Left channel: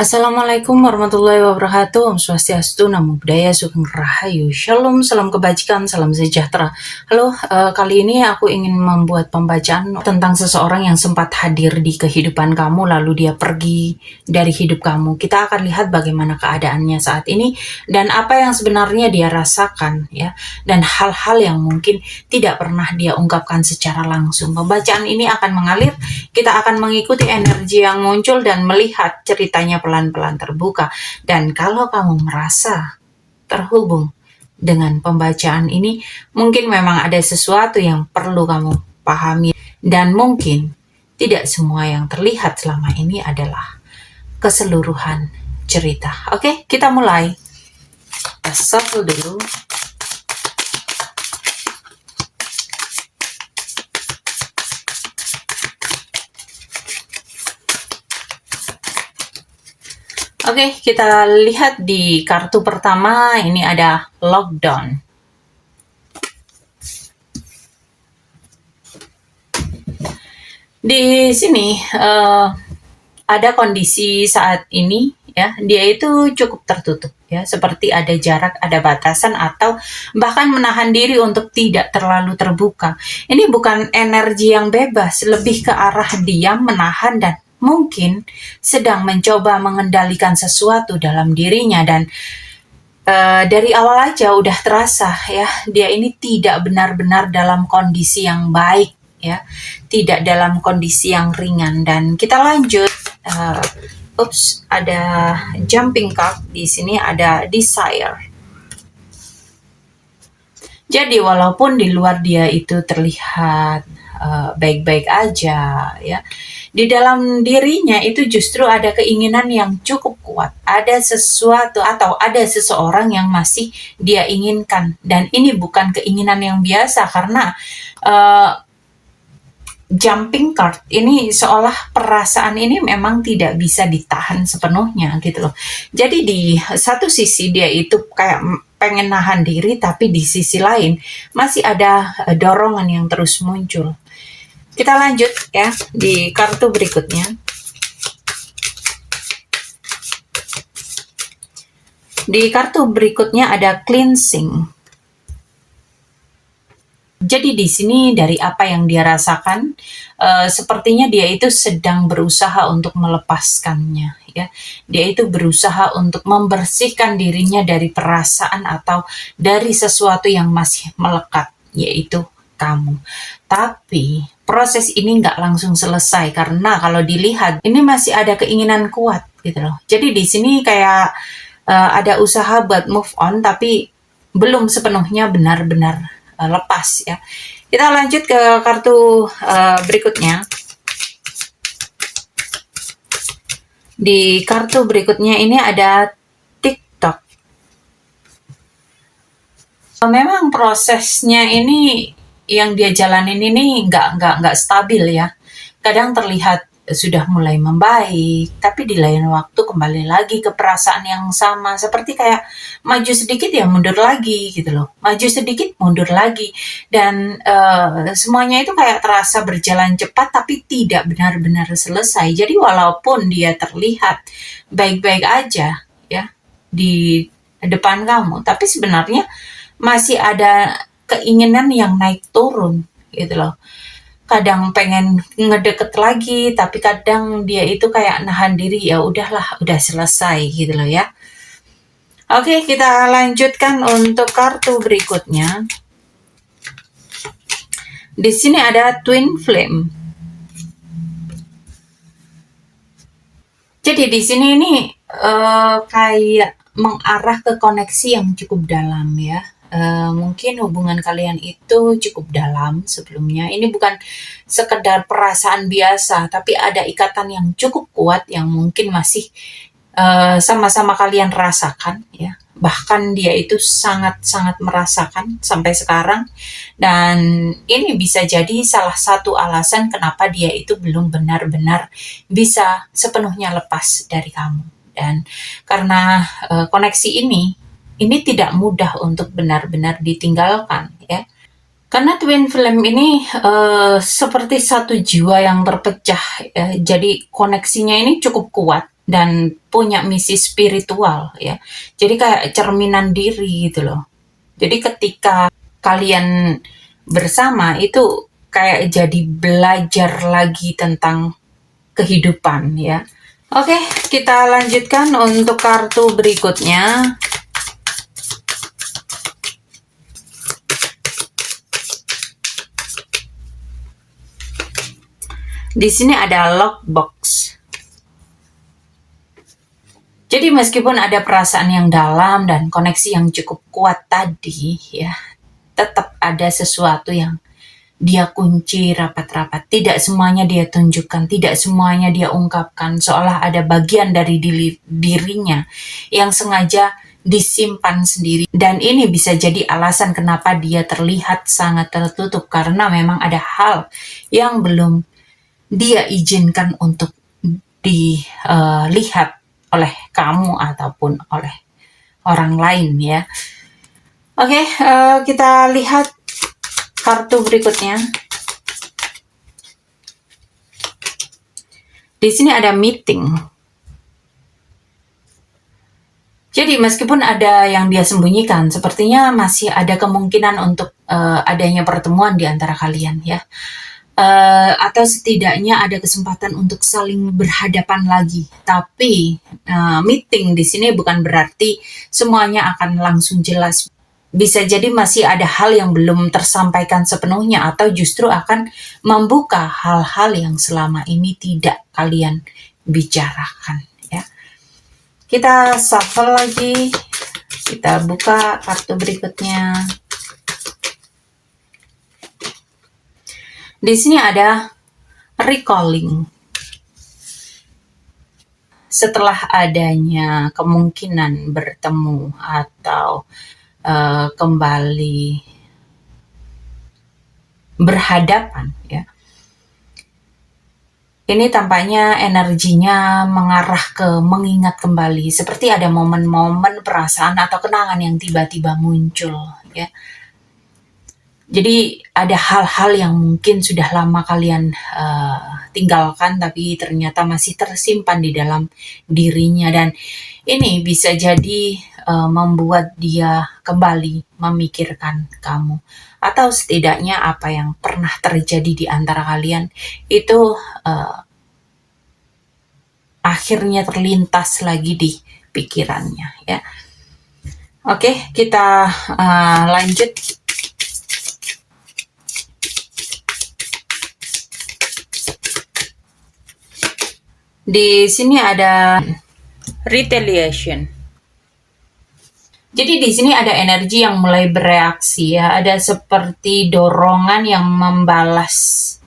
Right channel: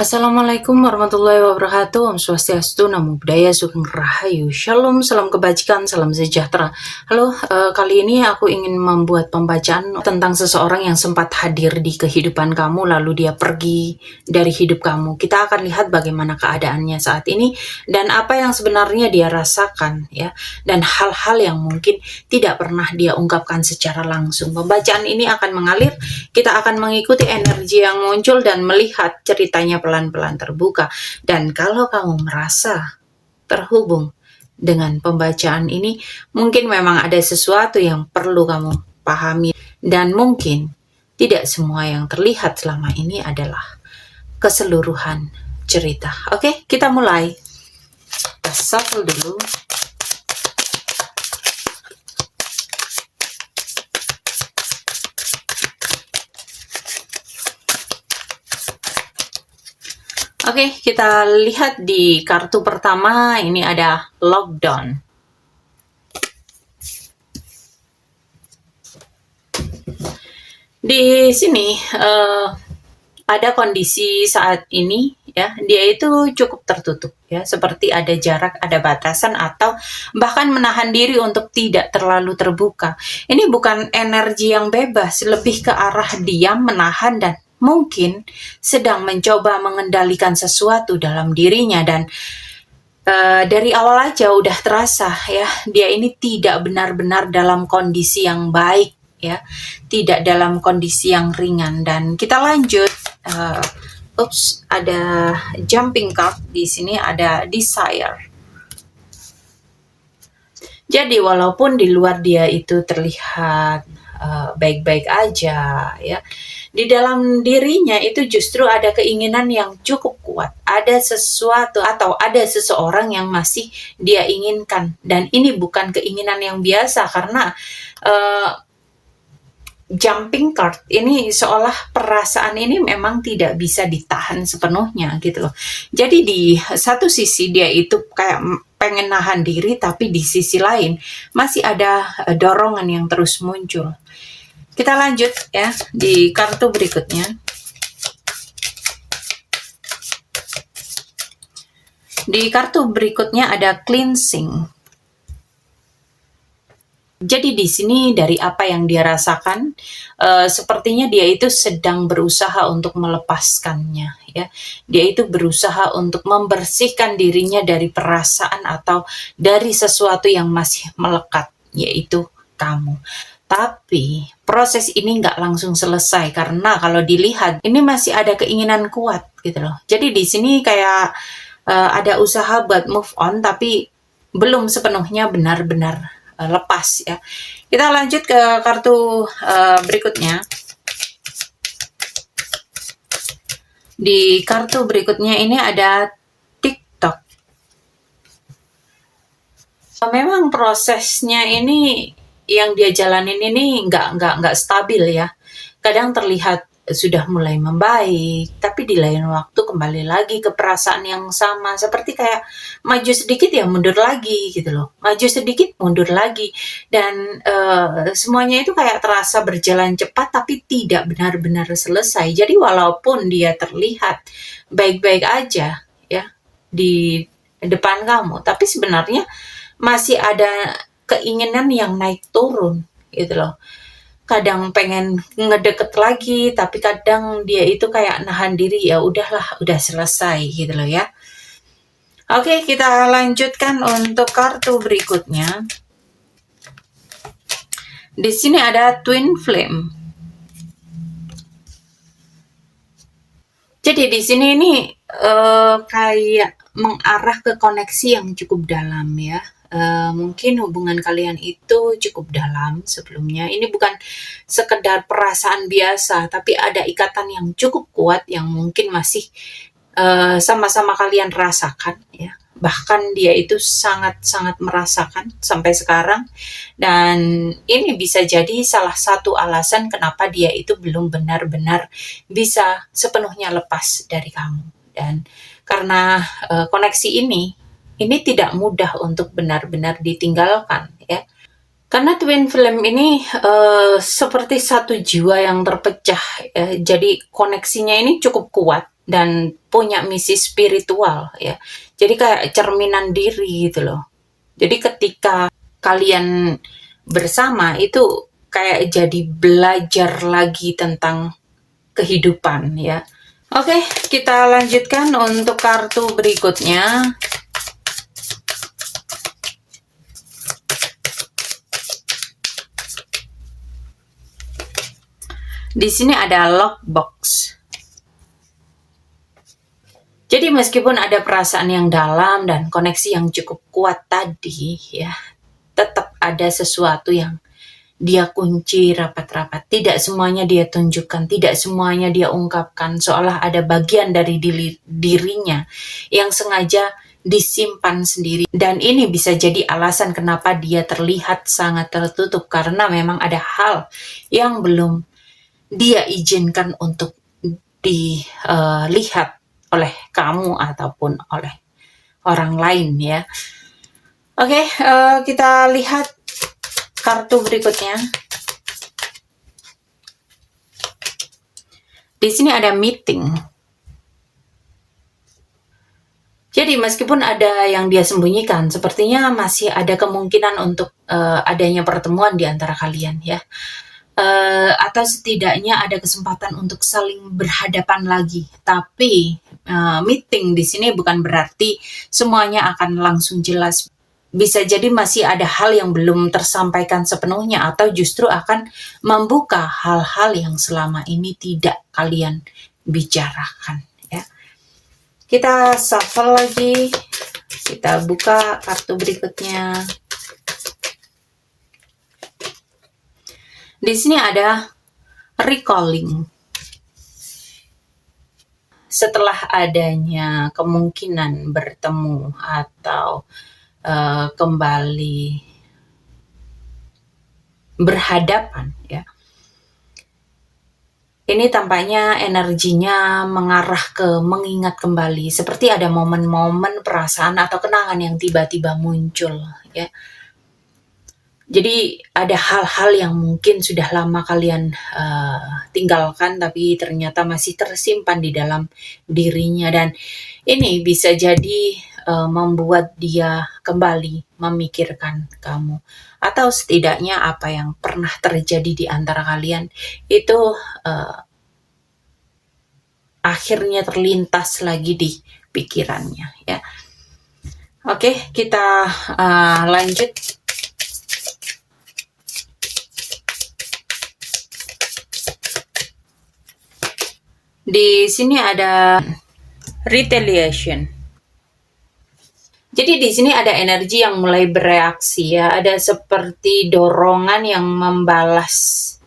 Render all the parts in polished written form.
Assalamualaikum warahmatullahi wabarakatuh. Om Swastiastu, Namo Buddhaya, Sugeng Rahayu, Shalom, salam kebajikan, salam sejahtera. Halo, kali ini aku ingin membuat pembacaan tentang seseorang yang sempat hadir di kehidupan kamu lalu dia pergi dari hidup kamu. Kita akan lihat bagaimana keadaannya saat ini dan apa yang sebenarnya dia rasakan, ya, dan hal-hal yang mungkin tidak pernah dia ungkapkan secara langsung. Pembacaan ini akan mengalir, kita akan mengikuti energi yang muncul dan melihat ceritanya pelan-pelan terbuka. Dan kalau kamu merasa terhubung dengan pembacaan ini, mungkin memang ada sesuatu yang perlu kamu pahami, dan mungkin tidak semua yang terlihat selama ini adalah keseluruhan cerita. Oke, kita mulai. Kita shuffle dulu. Oke, kita lihat di kartu pertama, ini ada lockdown. Di sini ada kondisi saat ini, ya, dia itu cukup tertutup, ya, seperti ada jarak, ada batasan, atau bahkan menahan diri untuk tidak terlalu terbuka. Ini bukan energi yang bebas, lebih ke arah diam, menahan, dan mungkin sedang mencoba mengendalikan sesuatu dalam dirinya. Dan dari awal aja udah terasa, ya, dia ini tidak benar-benar dalam kondisi yang baik, ya, tidak dalam kondisi yang ringan. Dan kita lanjut. Ada jumping card di sini, ada desire. Jadi walaupun di luar dia itu terlihat baik-baik aja, ya, di dalam dirinya itu justru ada keinginan yang cukup kuat. Ada sesuatu atau ada seseorang yang masih dia inginkan. Dan ini bukan keinginan yang biasa, karena jumping card ini seolah perasaan ini memang tidak bisa ditahan sepenuhnya gitu loh. Jadi di satu sisi dia itu kayak pengen nahan diri, tapi di sisi lain masih ada dorongan yang terus muncul. Kita lanjut, ya, di kartu berikutnya. Di kartu berikutnya ada cleansing. Jadi di sini dari apa yang dia rasakan, sepertinya dia itu sedang berusaha untuk melepaskannya, ya. Dia itu berusaha untuk membersihkan dirinya dari perasaan atau dari sesuatu yang masih melekat, yaitu kamu. Tapi proses ini nggak langsung selesai, karena kalau dilihat ini masih ada keinginan kuat gitu loh. Jadi di sini kayak ada usaha buat move on, tapi belum sepenuhnya benar-benar lepas, ya. Kita lanjut ke kartu berikutnya. Di kartu berikutnya ini ada TikTok. Memang prosesnya ini yang dia jalanin ini nggak stabil, ya. Kadang terlihat sudah mulai membaik, tapi di lain waktu kembali lagi ke perasaan yang sama, seperti kayak maju sedikit ya mundur lagi gitu loh, maju sedikit mundur lagi, dan semuanya itu kayak terasa berjalan cepat tapi tidak benar-benar selesai. Jadi walaupun dia terlihat baik-baik aja, ya, di depan kamu, tapi sebenarnya masih ada keinginan yang naik turun gitu loh. Kadang pengen ngedeket lagi, tapi kadang dia itu kayak nahan diri, ya udahlah, udah selesai gitu loh, ya. Oke, kita lanjutkan untuk kartu berikutnya. Di sini ada Twin Flame. Jadi di sini ini kayak mengarah ke koneksi yang cukup dalam, ya. Mungkin hubungan kalian itu cukup dalam sebelumnya. Ini bukan sekedar perasaan biasa, tapi ada ikatan yang cukup kuat yang mungkin masih sama-sama kalian rasakan, ya. Bahkan dia itu sangat-sangat merasakan sampai sekarang. Dan ini bisa jadi salah satu alasan kenapa dia itu belum benar-benar bisa sepenuhnya lepas dari kamu. Dan karena koneksi ini tidak mudah untuk benar-benar ditinggalkan, ya. Karena twin flame ini seperti satu jiwa yang terpecah, jadi koneksinya ini cukup kuat dan punya misi spiritual ya. Jadi kayak cerminan diri gitu loh. Jadi ketika kalian bersama itu kayak jadi belajar lagi tentang kehidupan ya. Oke, kita lanjutkan untuk kartu berikutnya. Di sini ada lockbox. Jadi meskipun ada perasaan yang dalam dan koneksi yang cukup kuat tadi ya, tetap ada sesuatu yang dia kunci rapat-rapat. Tidak semuanya dia tunjukkan, tidak semuanya dia ungkapkan, seolah ada bagian dari dirinya yang sengaja disimpan sendiri. Dan ini bisa jadi alasan kenapa dia terlihat sangat tertutup, karena memang ada hal yang belum dia izinkan untuk dilihat oleh kamu ataupun oleh orang lain ya. Oke, kita lihat kartu berikutnya. Di sini ada meeting. Jadi meskipun ada yang dia sembunyikan, sepertinya masih ada kemungkinan untuk adanya pertemuan di antara kalian ya. Atau setidaknya ada kesempatan untuk saling berhadapan lagi. Tapi meeting di sini bukan berarti semuanya akan langsung jelas. Bisa jadi masih ada hal yang belum tersampaikan sepenuhnya, atau justru akan membuka hal-hal yang selama ini tidak kalian bicarakan ya. Kita shuffle lagi, kita buka kartu berikutnya. Di sini ada recalling. Setelah adanya kemungkinan bertemu atau kembali berhadapan ya, ini tampaknya energinya mengarah ke mengingat kembali, seperti ada momen-momen perasaan atau kenangan yang tiba-tiba muncul ya. Jadi ada hal-hal yang mungkin sudah lama kalian tinggalkan, tapi ternyata masih tersimpan di dalam dirinya, dan ini bisa jadi membuat dia kembali memikirkan kamu, atau setidaknya apa yang pernah terjadi di antara kalian itu akhirnya terlintas lagi di pikirannya ya. Oke, kita lanjut. Di sini ada retaliation. Jadi di sini ada energi yang mulai bereaksi ya, ada seperti dorongan yang membalas,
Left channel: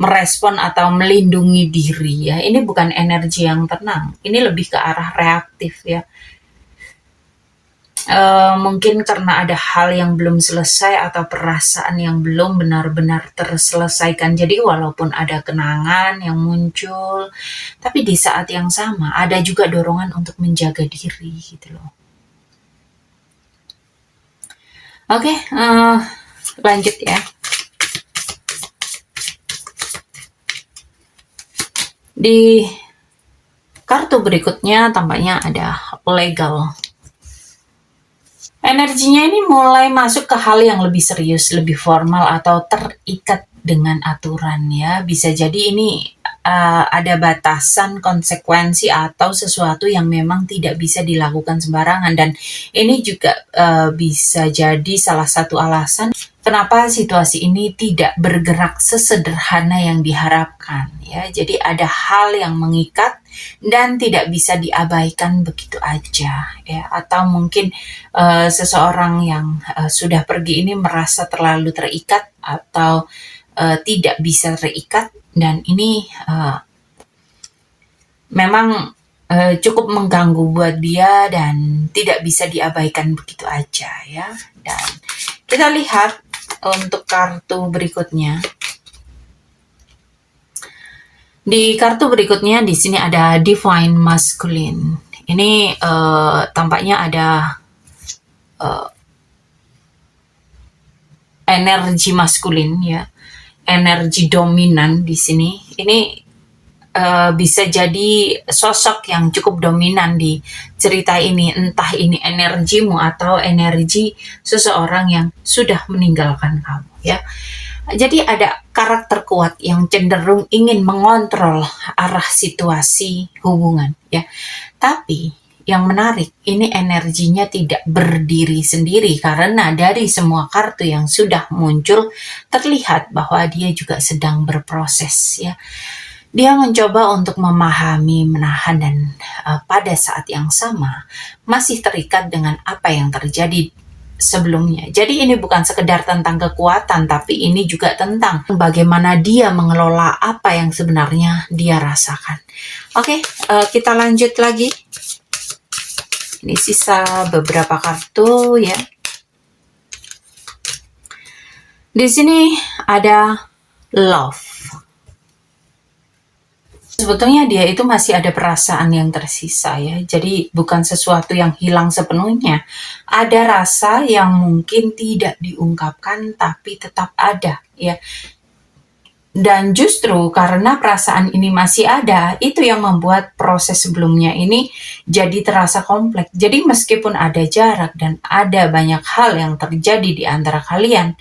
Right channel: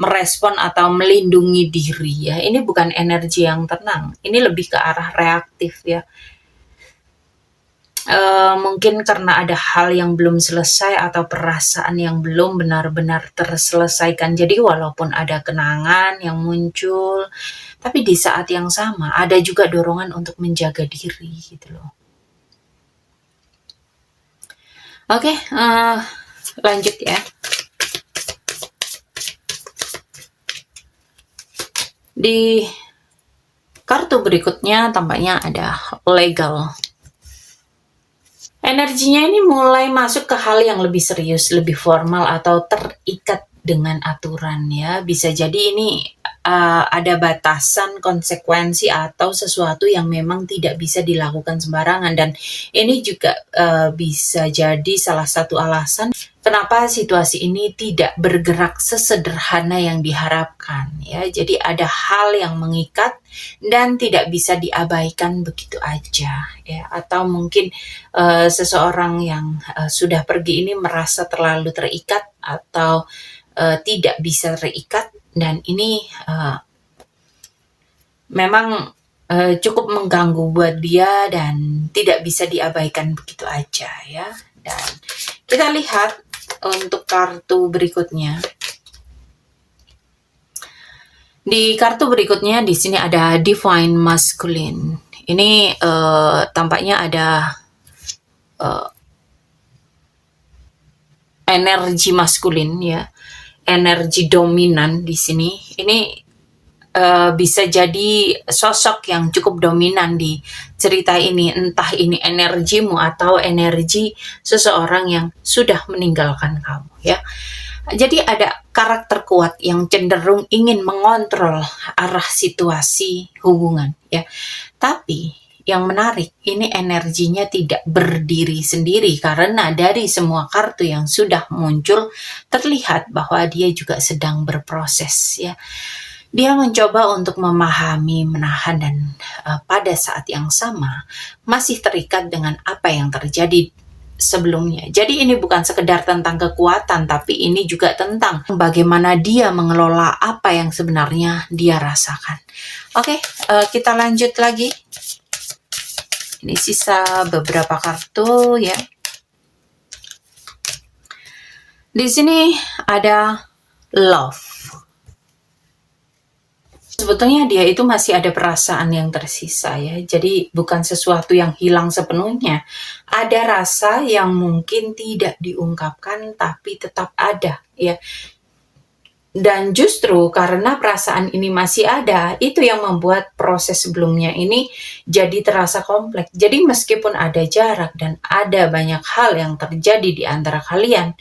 merespon atau melindungi diri ya. Ini bukan energi yang tenang, ini lebih ke arah reaktif ya. Mungkin karena ada hal yang belum selesai atau perasaan yang belum benar-benar terselesaikan. Jadi walaupun ada kenangan yang muncul, tapi di saat yang sama ada juga dorongan untuk menjaga diri gitu loh. Oke, lanjut ya. Di kartu berikutnya tampaknya ada legal. Energinya ini mulai masuk ke hal yang lebih serius, lebih formal, atau terikat dengan aturan ya. Bisa jadi ini ada batasan, konsekuensi, atau sesuatu yang memang tidak bisa dilakukan sembarangan. Dan ini juga bisa jadi salah satu alasan kenapa situasi ini tidak bergerak sesederhana yang diharapkan ya. Jadi ada hal yang mengikat dan tidak bisa diabaikan begitu aja ya. Atau mungkin seseorang yang sudah pergi ini merasa terlalu terikat atau tidak bisa terikat, dan ini memang cukup mengganggu buat dia dan tidak bisa diabaikan begitu aja ya. Dan kita lihat untuk kartu berikutnya. Di kartu berikutnya di sini ada Divine Masculine. Ini tampaknya ada energi maskulin ya, energi dominan di sini. Ini bisa jadi sosok yang cukup dominan di cerita ini, entah ini energimu atau energi seseorang yang sudah meninggalkan kamu ya. Jadi ada karakter kuat yang cenderung ingin mengontrol arah situasi hubungan ya. Tapi yang menarik, ini energinya tidak berdiri sendiri karena dari semua kartu yang sudah muncul terlihat bahwa dia juga sedang berproses ya. Dia mencoba untuk memahami, menahan, dan pada saat yang sama masih terikat dengan apa yang terjadi sebelumnya. Jadi ini bukan sekedar tentang kekuatan, tapi ini juga tentang bagaimana dia mengelola apa yang sebenarnya dia rasakan. Oke, kita lanjut lagi. Ini sisa beberapa kartu ya. Di sini ada love. Sebetulnya dia itu masih ada perasaan yang tersisa ya. Jadi bukan sesuatu yang hilang sepenuhnya. Ada rasa yang mungkin tidak diungkapkan tapi tetap ada ya. Dan justru karena perasaan ini masih ada, itu yang membuat proses sebelumnya ini jadi terasa kompleks. Jadi meskipun ada jarak dan ada banyak hal yang terjadi di antara kalian,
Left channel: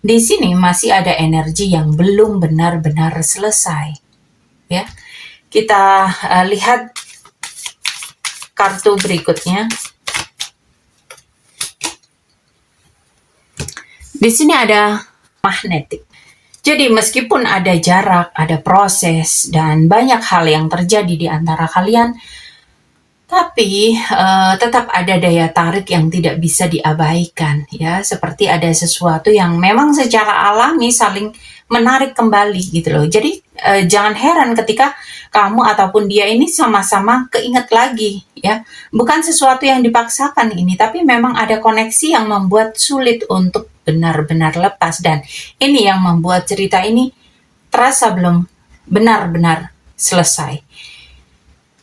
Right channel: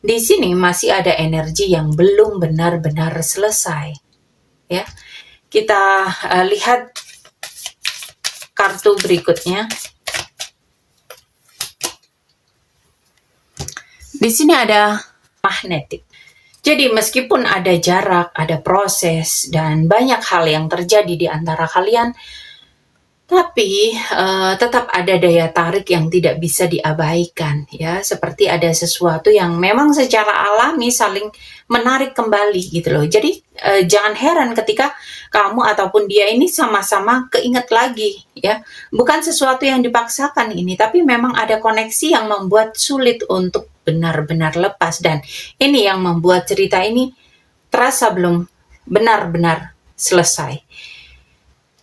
di sini masih ada energi yang belum benar-benar selesai ya. Kita lihat kartu berikutnya. Di sini ada magnetik. Jadi meskipun ada jarak, ada proses, dan banyak hal yang terjadi di antara kalian, tapi tetap ada daya tarik yang tidak bisa diabaikan ya. Seperti ada sesuatu yang memang secara alami saling menarik kembali gitu loh. Jadi jangan heran ketika kamu ataupun dia ini sama-sama keinget lagi ya. Bukan sesuatu yang dipaksakan ini, tapi memang ada koneksi yang membuat sulit untuk benar-benar lepas. Dan ini yang membuat cerita ini terasa belum benar-benar selesai.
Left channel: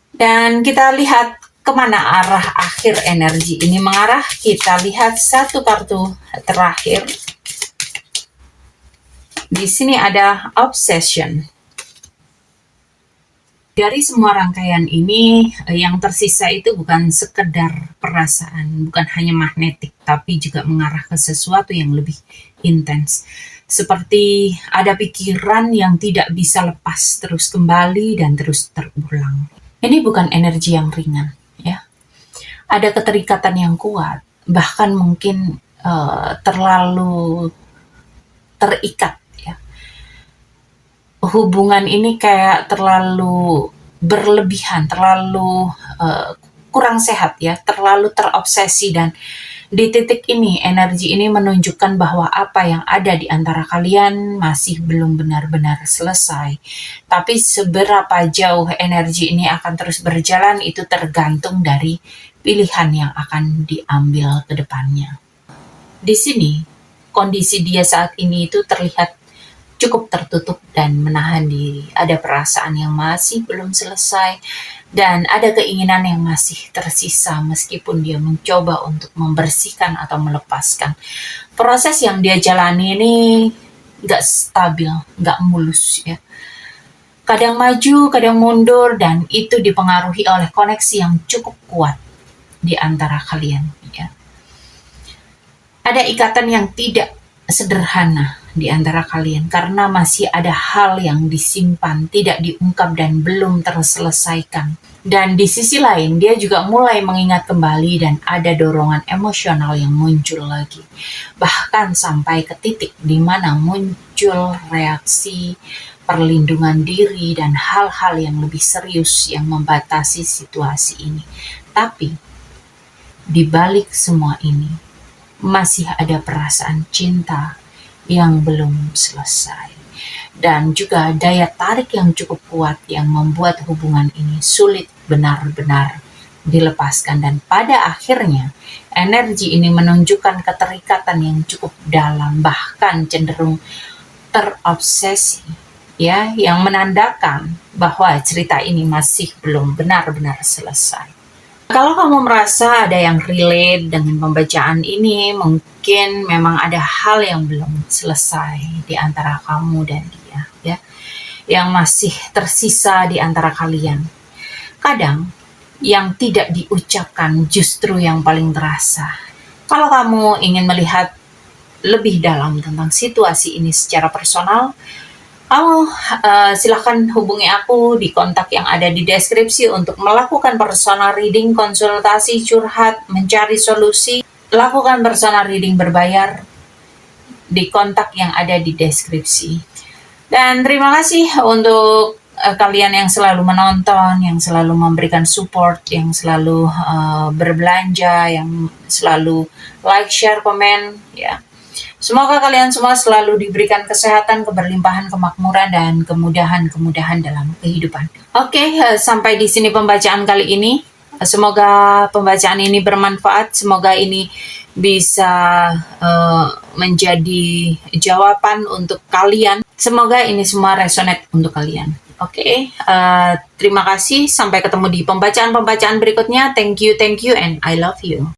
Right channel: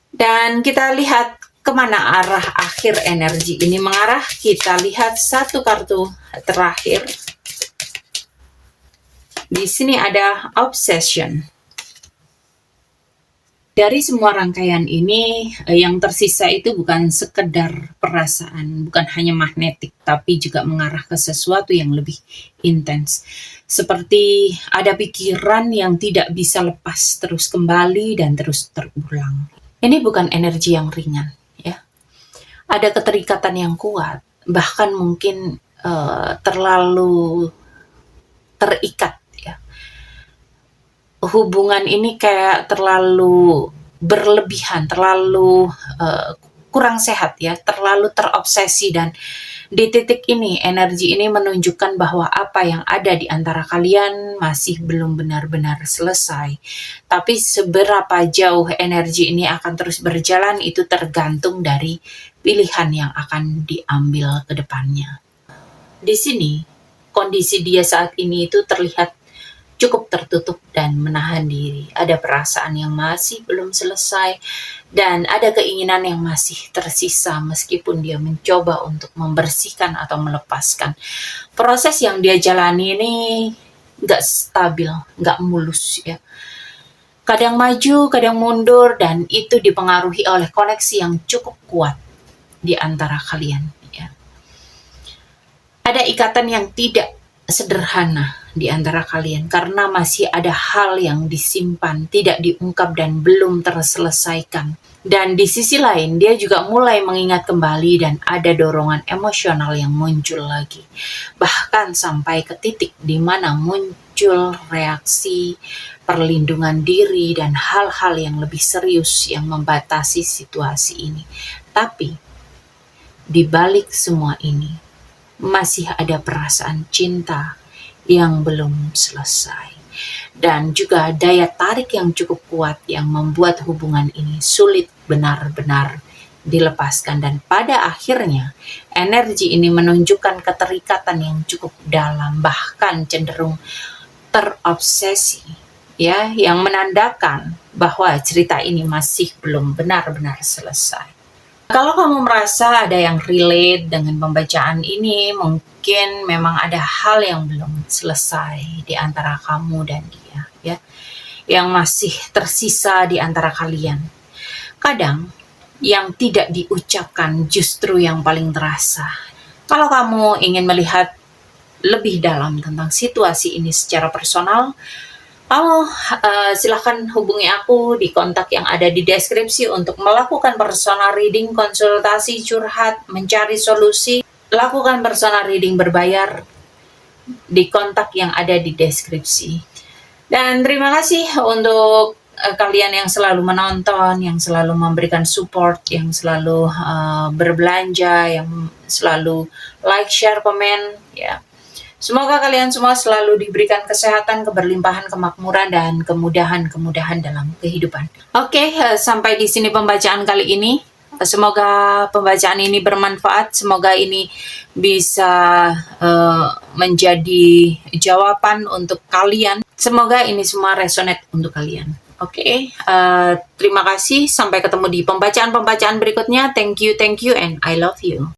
Dan kita lihat kemana arah akhir energi ini mengarah. Kita lihat satu kartu terakhir. Di sini ada obsession. Dari semua rangkaian ini, yang tersisa itu bukan sekedar perasaan, bukan hanya magnetik, tapi juga mengarah ke sesuatu yang lebih intens. Seperti ada pikiran yang tidak bisa lepas terus kembali dan terus terulang. Ini bukan energi yang ringan, ya. Ada keterikatan yang kuat, bahkan mungkin terlalu terikat. Hubungan ini kayak terlalu berlebihan, terlalu kurang sehat ya, terlalu terobsesi. Dan di titik ini, energi ini menunjukkan bahwa apa yang ada di antara kalian masih belum benar-benar selesai. Tapi seberapa jauh energi ini akan terus berjalan itu tergantung dari pilihan yang akan diambil ke depannya. Di sini, kondisi dia saat ini itu terlihat cukup tertutup dan menahan diri. Ada perasaan yang masih belum selesai dan ada keinginan yang masih tersisa meskipun dia mencoba untuk membersihkan atau melepaskan. Proses yang dia jalani ini gak stabil, gak mulus ya. Kadang maju, kadang mundur, dan itu dipengaruhi oleh koneksi yang cukup kuat di antara kalian ya. Ada ikatan yang tidak sederhana di antara kalian karena masih ada hal yang disimpan, tidak diungkap dan belum terselesaikan. Dan di sisi lain dia juga mulai mengingat kembali dan ada dorongan emosional yang muncul lagi. Bahkan sampai ke titik di mana muncul reaksi perlindungan diri dan hal-hal yang lebih serius yang membatasi situasi ini. Tapi di balik semua ini masih ada perasaan cinta yang belum selesai. Dan juga daya tarik yang cukup kuat yang membuat hubungan ini sulit benar-benar dilepaskan. Dan pada akhirnya, energi ini menunjukkan keterikatan yang cukup dalam, bahkan cenderung terobsesi, ya, yang menandakan bahwa cerita ini masih belum benar-benar selesai. Kalau kamu merasa ada yang relate dengan pembacaan ini, mungkin memang ada hal yang belum selesai di antara kamu dan dia, ya, yang masih tersisa di antara kalian. Kadang yang tidak diucapkan justru yang paling terasa. Kalau kamu ingin melihat lebih dalam tentang situasi ini secara personal, kamu silahkan hubungi aku di kontak yang ada di deskripsi untuk melakukan personal reading, konsultasi, curhat, mencari solusi. Lakukan personal reading berbayar di kontak yang ada di deskripsi. Dan terima kasih untuk kalian yang selalu menonton, yang selalu memberikan support, yang selalu berbelanja, yang selalu like, share, komen, ya. Semoga kalian semua selalu diberikan kesehatan, keberlimpahan, kemakmuran, dan kemudahan-kemudahan dalam kehidupan. Oke, sampai di sini pembacaan kali ini. Semoga pembacaan ini bermanfaat. Semoga ini bisa menjadi jawaban untuk kalian. Semoga ini semua resonate untuk kalian. Oke, terima kasih. Sampai ketemu di pembacaan-pembacaan berikutnya. Thank you, and I love you.